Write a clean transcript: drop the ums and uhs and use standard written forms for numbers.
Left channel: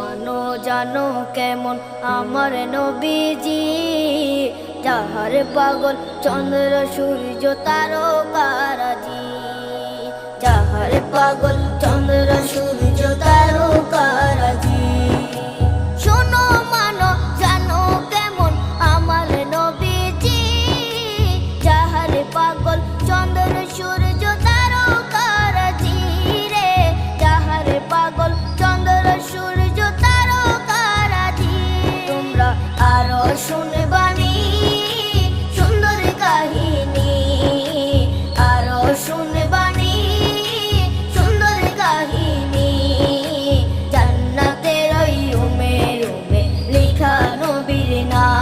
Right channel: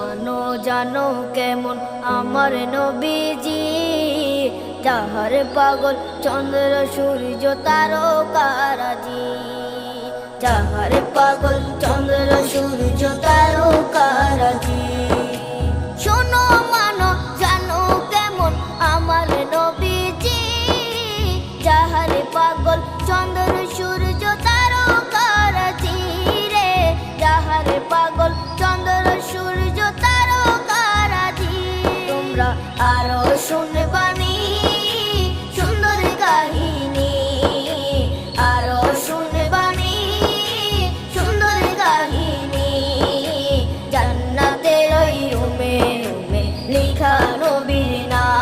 মানো জানো কেমন আমার নবীজি, যাহার পাগল চন্দ্র সূর্য তারকারাজি, যাহার পাগল চন্দ্র সূর্য তারকারাজি। শোনো মানো জানো কেমন আমার নবীজি, যাহার পাগল চন্দ্র সূর্য তারকারাজি রে, যাহার পাগল চন্দ্র সূর্য তারকারাজি। তোমরা আরো শুনবানি সুন্দর কাহিনী, আরো শুনবানি সুন্দর কাহিনী। জান্নাতের ওই রুমে রুমে লেখা নবীর নাম।